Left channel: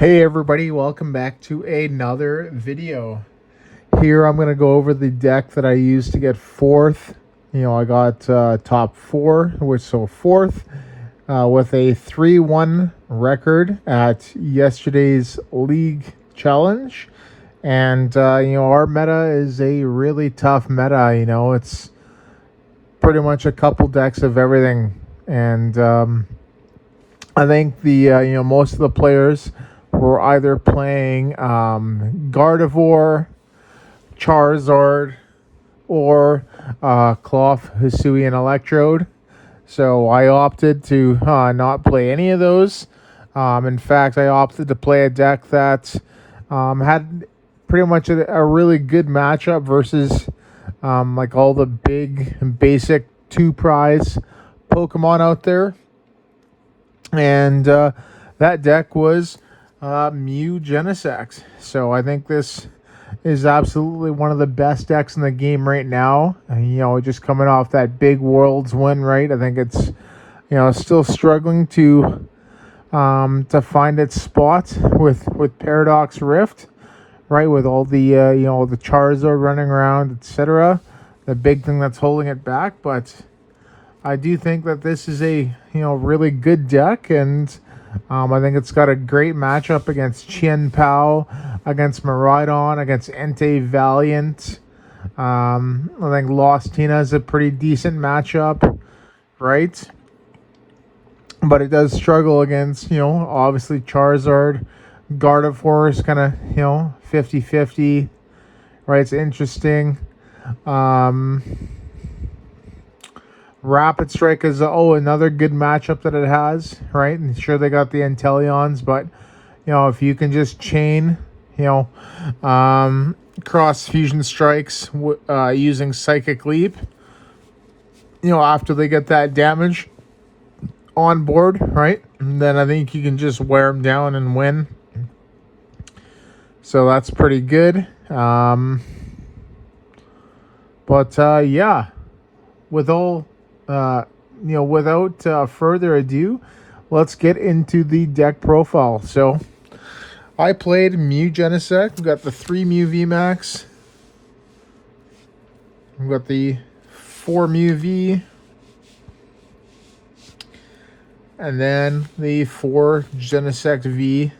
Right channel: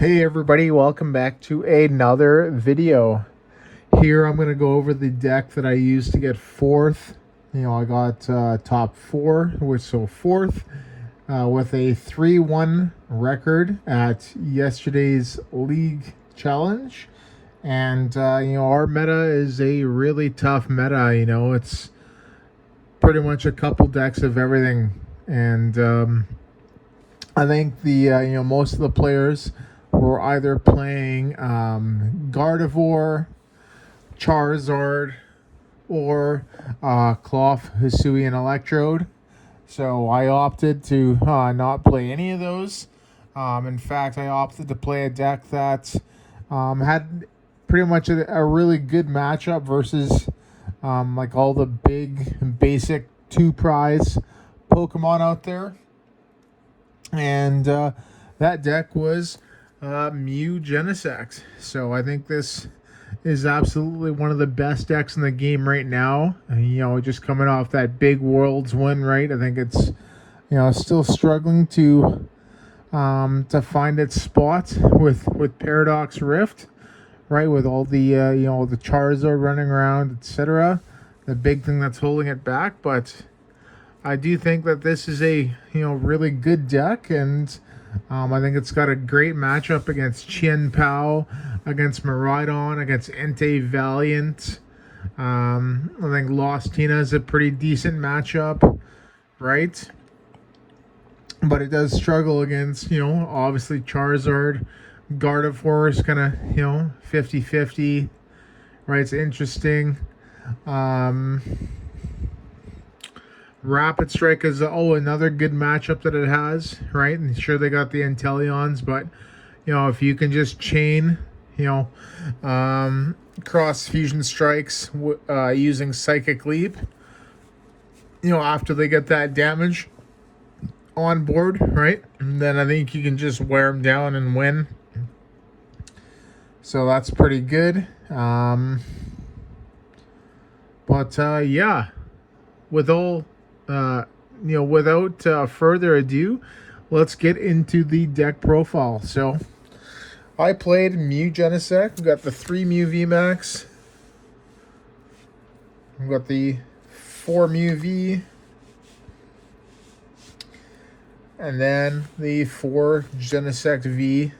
Hey everybody, welcome back to another video. Here I'm going to go over the deck that I used to get fourth. I got top four, which so fourth with a 3-1 record at yesterday's league challenge. And our meta is a really tough meta. It's pretty much a couple decks of everything. And I think the most of the players were either playing Gardevoir, Charizard, or Cloth Hisuian Electrode. So I opted to not play any of those. In fact, I opted to play a deck that had pretty much a really good matchup versus like all the big basic 2-prize Pokemon out there. And that deck was Mew Genesect. So I think this is absolutely one of the best decks in the game right now. And, just coming off that big Worlds win, right? I think it's still struggling to find its spot with Paradox Rift, right? With all the the Charizard running around, etc. The big thing that's holding it back, but I do think that this is a really good deck, and I think it's got a great matchup against Chien Pao, against Miraidon, against Entei Valiant. I think Lost Tina is a pretty decent matchup, right? But it does struggle against obviously Charizard. Gardevoir is kind of 50-50, right? It's interesting. Rapid Strike is another good matchup that it has, right? And sure, they got the Inteleons, but if you can just chain cross fusion strikes using Psychic Leap, after they get that damage on board, right? And then I think you can just wear them down and win. So that's pretty good. Yeah, without further ado, let's get into the deck profile. So I played Mew Genesect. We've got the 3 Mew VMax. We've got the 4 Mew V. And then the 4 Genesect V.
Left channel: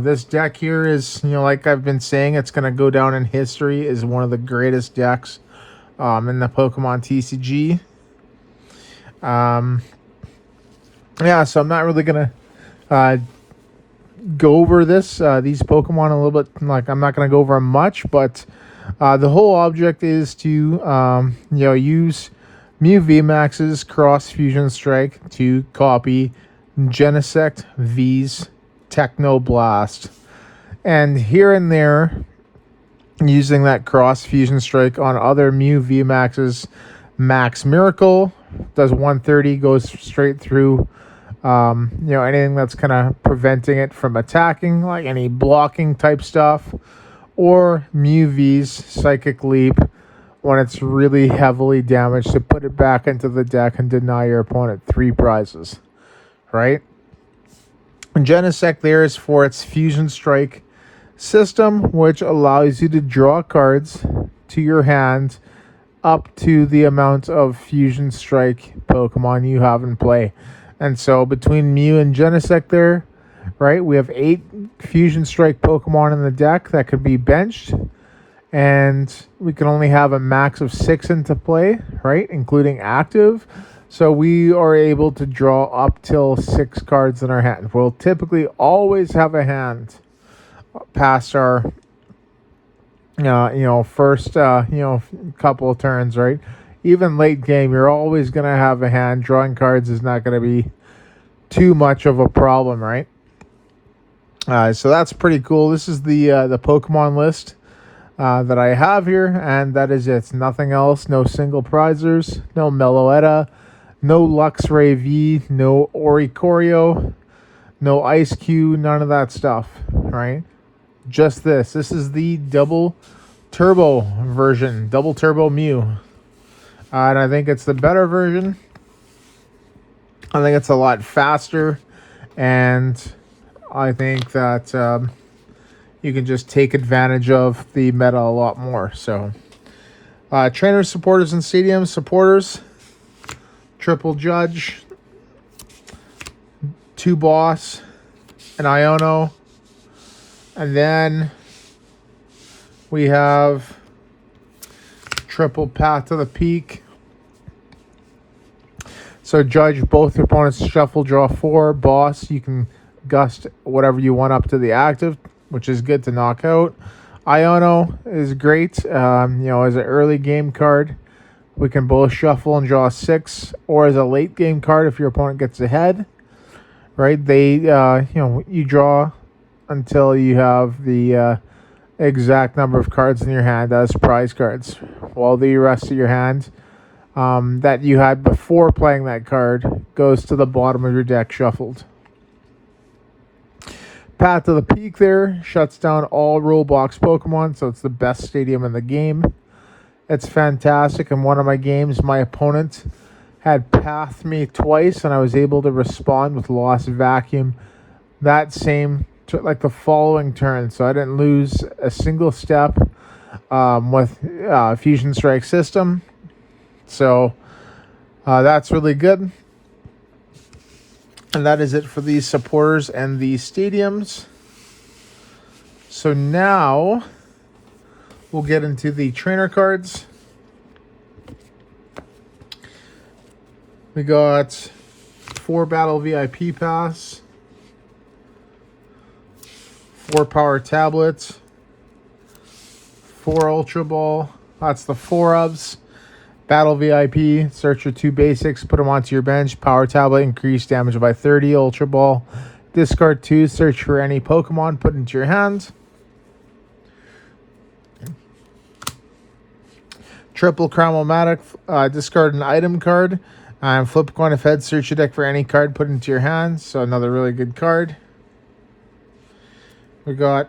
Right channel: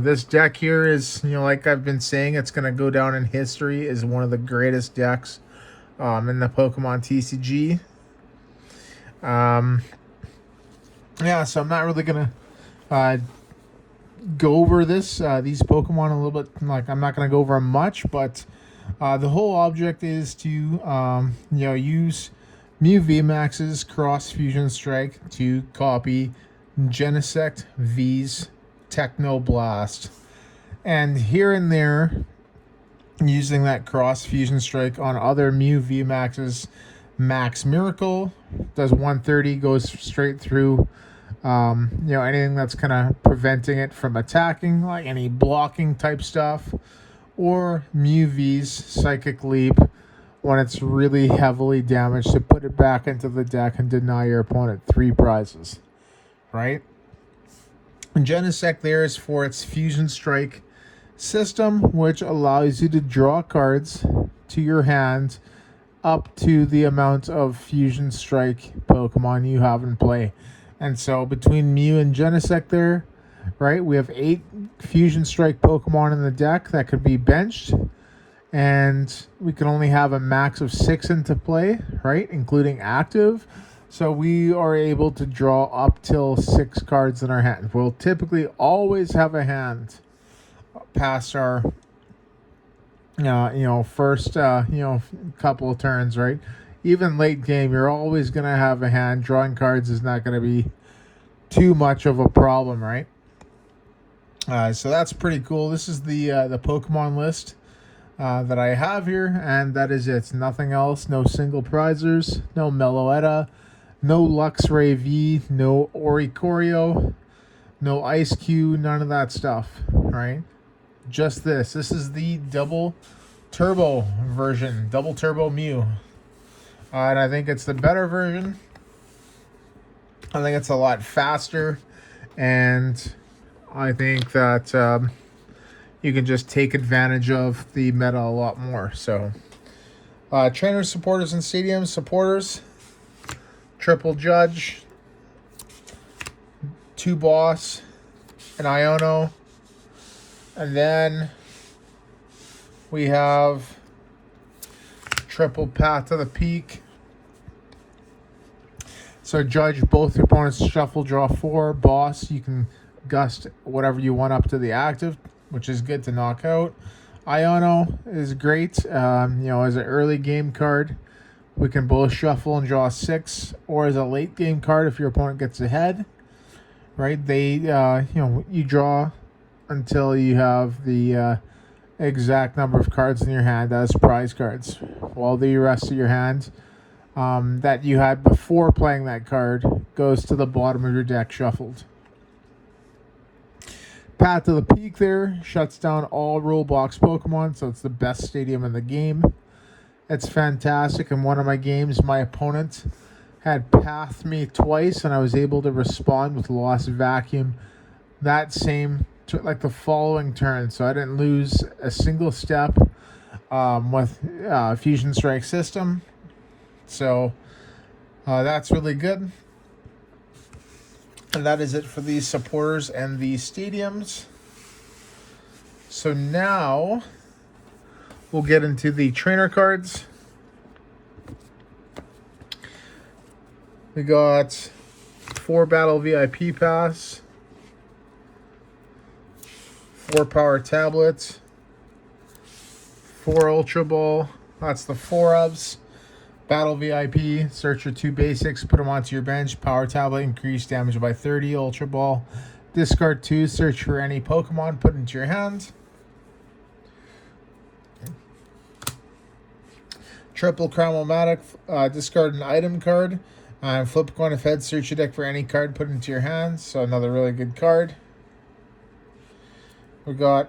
This deck here is, like I've been saying, it's going to go down in history as one of the greatest decks in the Pokemon TCG. So I'm not really going to go over these Pokemon a little bit. Like, I'm not going to go over them much, but the whole object is to, use Mew VMax's Cross Fusion Strike to copy Genesect V's Techno Blast. And here and there, using that Cross Fusion Strike on other Mew VMax's Max Miracle, does 130, goes straight through anything that's kind of preventing it from attacking, like any blocking type stuff, or Mew V's Psychic Leap when it's really heavily damaged to put it back into the deck and deny your opponent 3 prizes, right? And Genesect there is for its Fusion Strike system, which allows you to draw cards to your hand up to the amount of Fusion Strike Pokemon you have in play. And so between Mew and Genesect there, right, we have 8 Fusion Strike Pokemon in the deck that could be benched. And we can only have a max of 6 into play, right, including active. So we are able to draw up till 6 cards in our hand. We'll typically always have a hand past our first couple of turns, right? Even late game, you're always going to have a hand. Drawing cards is not going to be too much of a problem, right? So that's pretty cool. This is the Pokemon list that I have here, and that is it. Nothing else. No single prizers, no Meloetta, no Luxray V, no Oricorio, no Ice Cube, none of that stuff, right? Just this. This is the double turbo version, double turbo Mew. And I think it's the better version. I think it's a lot faster and I think that you can just take advantage of the meta a lot more. So, trainers, supporters, and stadium supporters. Triple Judge, 2 Boss, an Iono, and then we have triple Path to the Peak. So Judge, both opponents shuffle, draw 4. Boss, you can gust whatever you want up to the active, which is good to knock out. Iono is great, as an early game card. We can both shuffle and draw 6, or as a late game card if your opponent gets ahead. Right? They, you draw until you have the exact number of cards in your hand as prize cards, while the rest of your hand that you had before playing that card goes to the bottom of your deck shuffled. Path to the Peak there shuts down all rule box Pokemon, so it's the best stadium in the game. It's fantastic. In one of my games, my opponent had pathed me twice, and I was able to respond with Lost Vacuum that same, like the following turn. So I didn't lose a single step with Fusion Strike system. So that's really good. And that is it for the supporters and the stadiums. So now we'll get into the trainer cards. We got 4 Battle VIP Pass, 4 Power Tablets, 4 Ultra Ball. That's the 4 ofs. Battle VIP, search your 2 basics, put them onto your bench. Power Tablet, increase damage by 30. Ultra Ball, discard 2, search for any Pokemon, put into your hand. Triple Cram-O-Matic, discard an item card. And flip a coin of heads, search your deck for any card, put into your hand. So another really good card. We got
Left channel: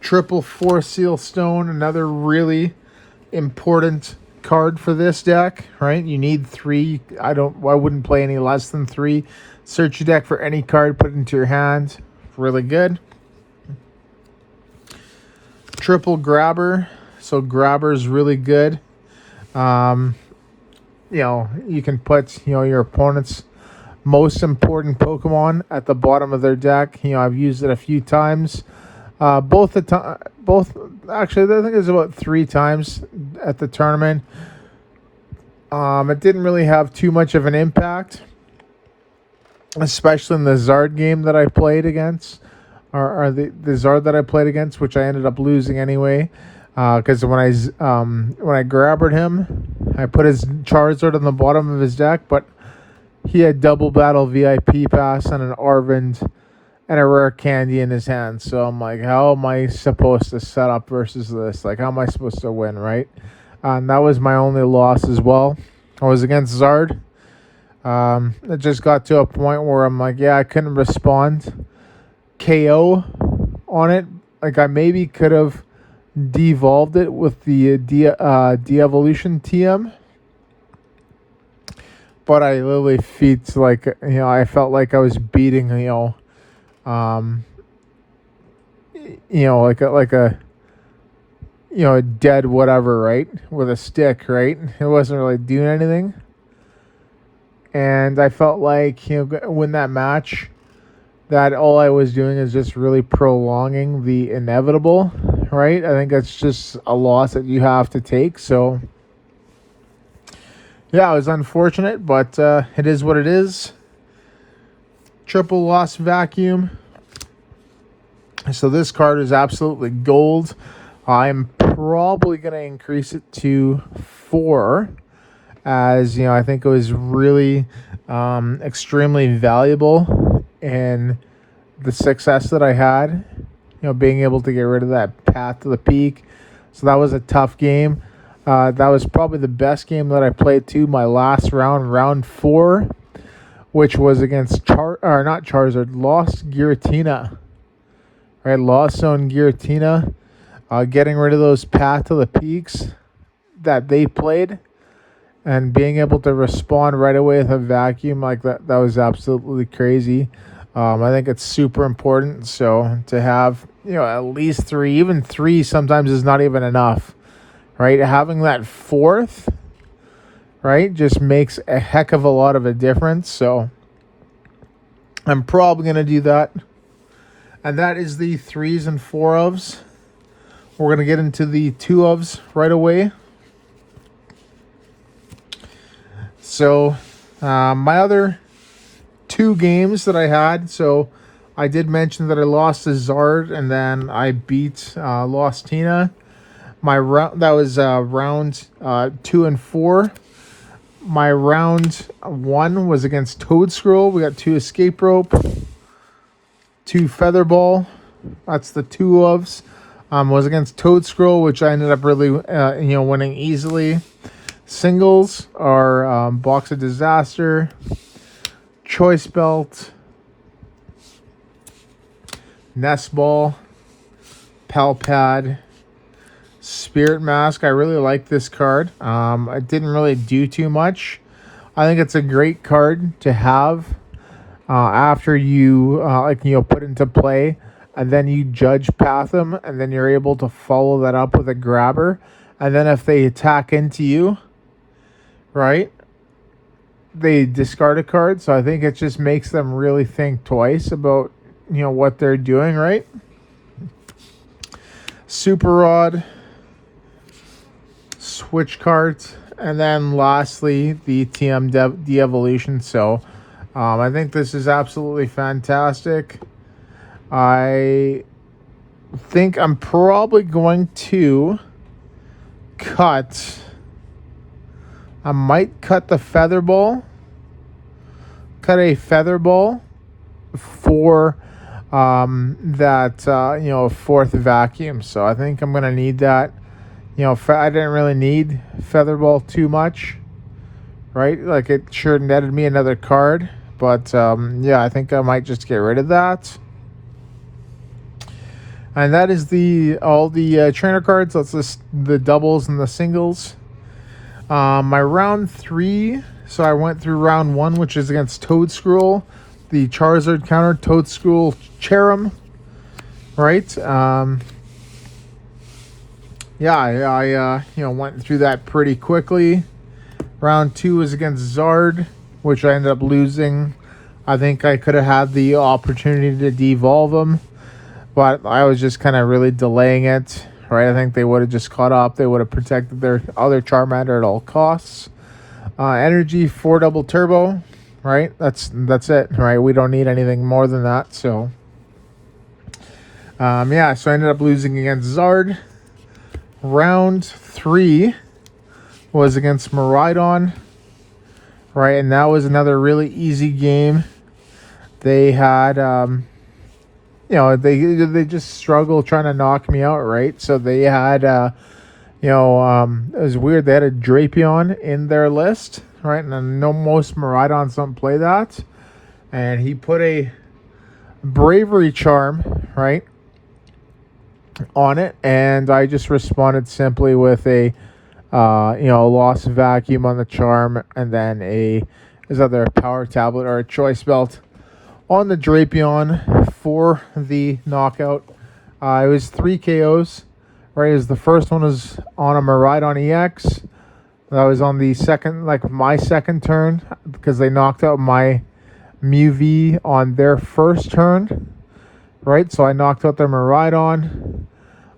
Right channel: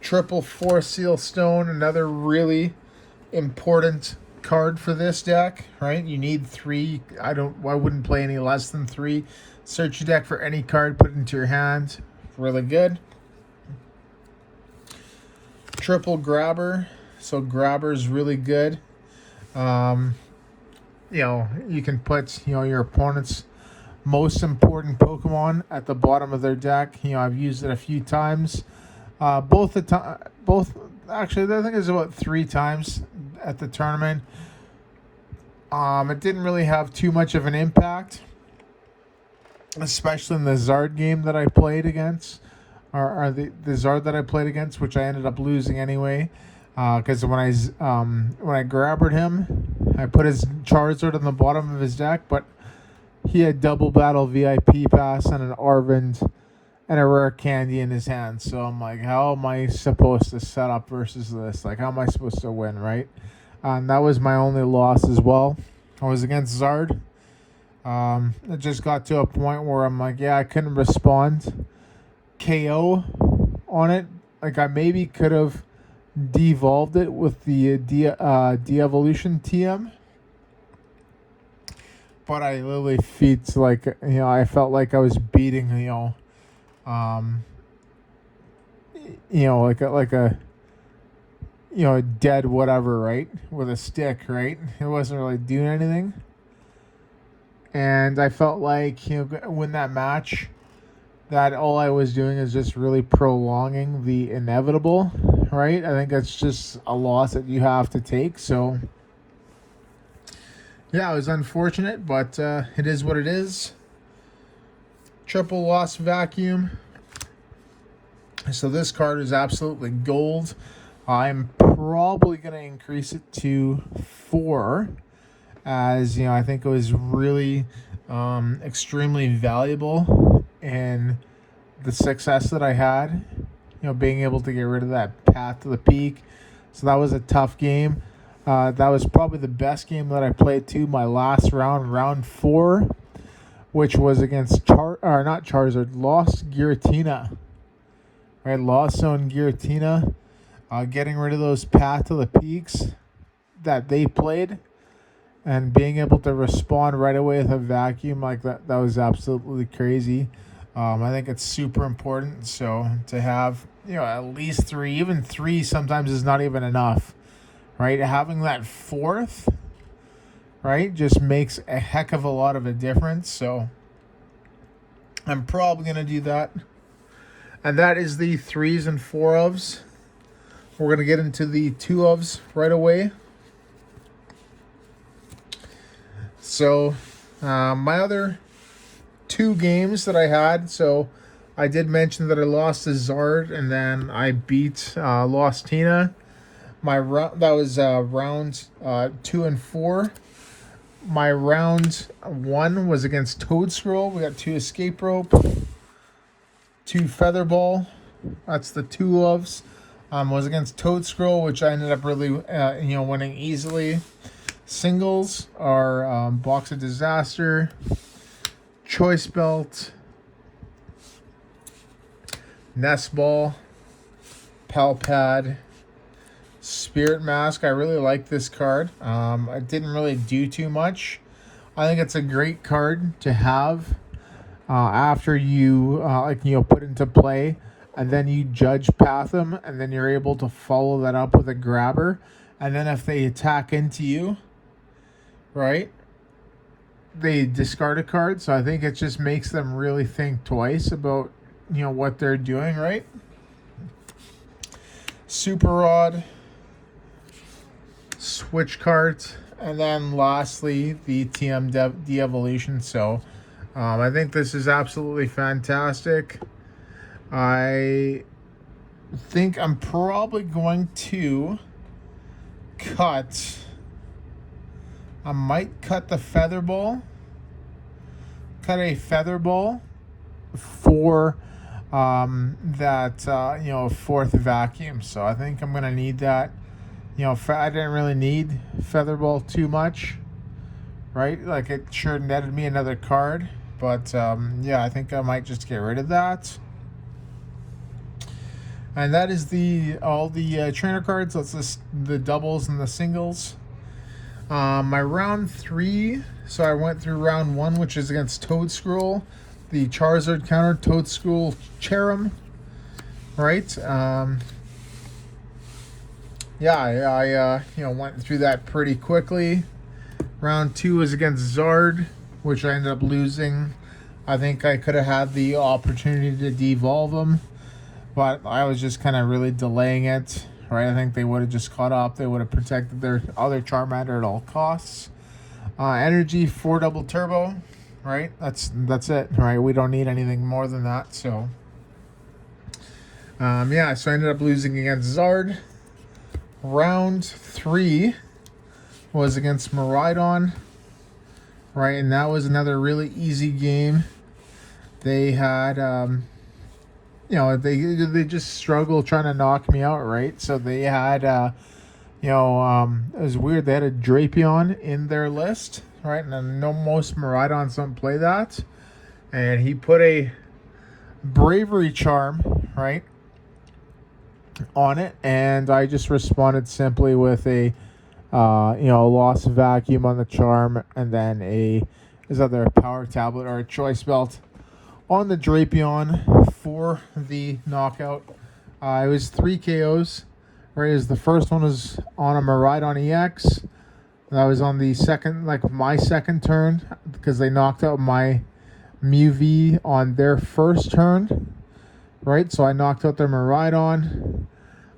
Triple Force Seal Stone, another really important card for this deck, right? You need 3. I wouldn't play any less than 3. Search your deck for any card, put it into your hand. Really good. Triple Grabber. So Grabber is really good. You can put your opponent's most important Pokemon at the bottom of their deck. I've used it a few times. Both actually, I think it was about 3 times at the tournament. It didn't really have too much of an impact, especially in the Zard game that I played against, or the Zard that I played against, which I ended up losing anyway. Because when I grabbered him, I put his Charizard on the bottom of his deck, but he had double Battle VIP Pass and an Arvind and a rare candy in his hand. So I'm like, how am I supposed to set up versus this? Like, how am I supposed to win, right? And that was my only loss as well. I was against Zard. It just got to a point where I'm like, I couldn't respond KO on it. Like, I maybe could have devolved it with the Devolution TM. But I literally I felt like I was beating, a dead whatever, right? With a stick, right? It wasn't really doing anything. And I felt like, win that match, that all I was doing is just really prolonging the inevitable, right? I think that's just a loss that you have to take. So, yeah, it was unfortunate, but it is what it is. Triple Lost Vacuum. So this card is absolutely gold. I'm probably going to increase it to 4, as I think it was really extremely valuable in the success that I had. Being able to get rid of that Path to the Peak. So that was a tough game. That was probably the best game that I played too. My last round 4, which was against Lost Giratina. Right, Lost Zone Giratina. Getting rid of those Path to the Peaks that they played and being able to respond right away with a vacuum like that was absolutely crazy. I think it's super important. So to have, at least 3, even 3 sometimes is not even enough, right? Having that 4th, right, just makes a heck of a lot of a difference. So I'm probably going to do that. And that is the 3s and 4 ofs. We're going to get into the 2 ofs right away. So my other 2 games that I had, so I did mention that I lost to Zard and then I beat Lost Tina. My round, that was round 2 and 4. My round 1 was against Toedscruel. We got 2 escape rope, 2 featherball. That's the 2 ofs. Was against Toedscruel, which I ended up really winning easily. Singles are Box of Disaster, Choice Belt, Nest Ball, Pal Pad, Spirit Mask. I really like this card. I didn't really do too much. I think it's a great card to have after you put into play, and then you judge path them, and then you're able to follow that up with a grabber, and then if they attack into you, right, they discard a card. So I think it just makes them really think twice about what they're doing, right? Super Rod, Switch Cart, and then lastly the TM Devolution. So I think this is absolutely fantastic. I think I'm probably going to cut. I might cut the feather ball. Cut a feather ball for that 4th vacuum. So I think I'm gonna need that. I didn't really need feather ball too much, right? Like, it sure netted me another card, but I think I might just get rid of that. And that is all the trainer cards. That's the doubles and the singles. My round 3, so I went through round 1, which is against Toedscruel, the Charizard counter, Toedscruel Cherrim, right? I went through that pretty quickly. Round 2 is against Zard, which I ended up losing. I think I could have had the opportunity to devolve him, but I was just kind of really delaying it. Right, I think they would have just caught up. They would have protected their other Charmander at all costs. Energy 4 double turbo, right? That's it, right? We don't need anything more than that. So, so I ended up losing against Zard. Round 3 was against Miraidon, right? And that was another really easy game. They had they just struggle trying to knock me out, right? So they had, it was weird. They had a Drapion in their list, right? And I know most Miraidons don't play that. And he put a Bravery Charm, right, on it. And I just responded simply with a, Lost Vacuum on the Charm, and then is either a Power Tablet or a Choice Belt on the Drapion for the knockout. It was 3 KOs. Right, it was the first one was on a Miraidon EX. That was on the second, my second turn, because they knocked out my Mew V on their first turn. Right, so I knocked out their Miraidon.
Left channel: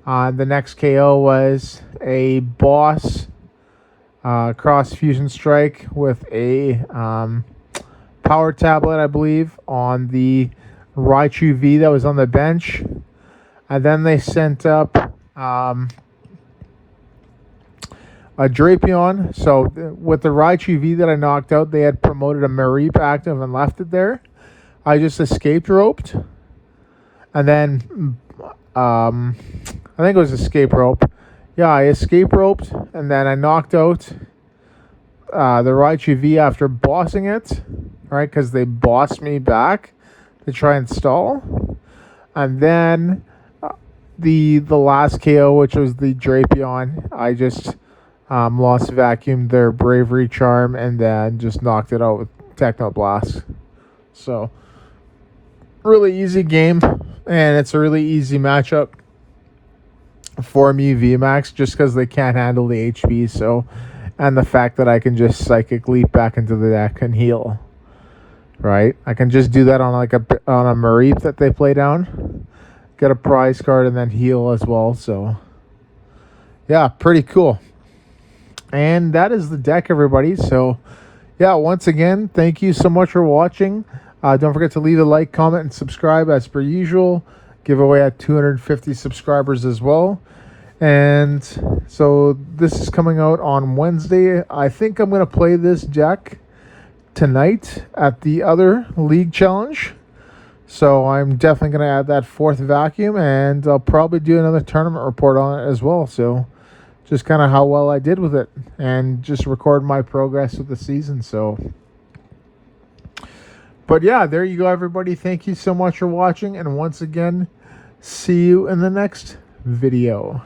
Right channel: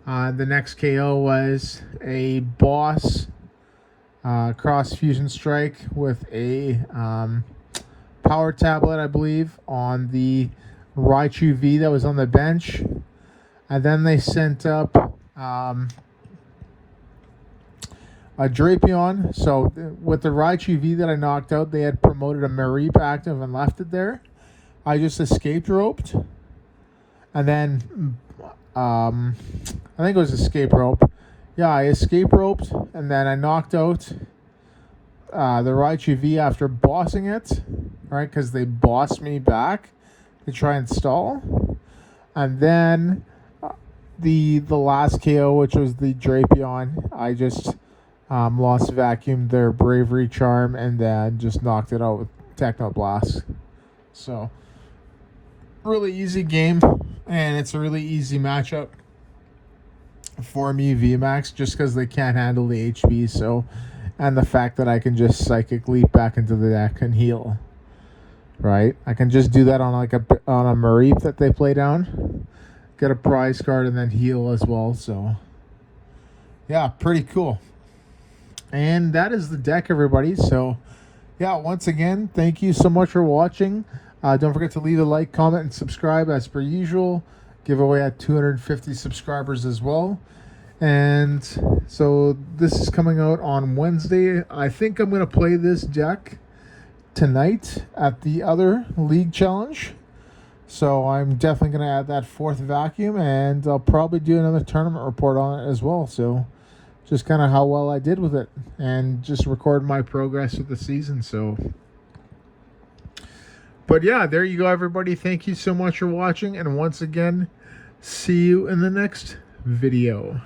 The next KO was a boss cross fusion strike with a Power Tablet, I believe, on the Raichu V that was on the bench. And then they sent up a Drapion. So with the Raichu V that I knocked out, they had promoted a Mareep active and left it there. I just escape roped. And then I think it was escape rope. Yeah, I escape roped, and then I knocked out the Raichu V after bossing it, right? Because they bossed me back to try and stall. And then the last KO, which was the Drapion, I just lost vacuumed their Bravery Charm and then just knocked it out with Techno Blast. So really easy game, and it's a really easy matchup for Mew VMax just because they can't handle the HP. So, and the fact that I can just Psychic Leap back into the deck and heal. Right, I can just do that on like a Mareep that they play down, get a prize card, and then heal as well. So, yeah, pretty cool. And that is the deck, everybody. So, yeah, once again, thank you so much for watching. Don't forget to leave a like, comment, and subscribe as per usual. Giveaway at 250 subscribers as well. And so this is coming out on Wednesday. I think I'm going to play this deck tonight at the other league challenge. So I'm definitely going to add that 4th vacuum, and I'll probably do another tournament report on it as well. So just kind of how well I did with it, and just record my progress with the season. So, but yeah, there you go, everybody. Thank you so much for watching, and once again, see you in the next video.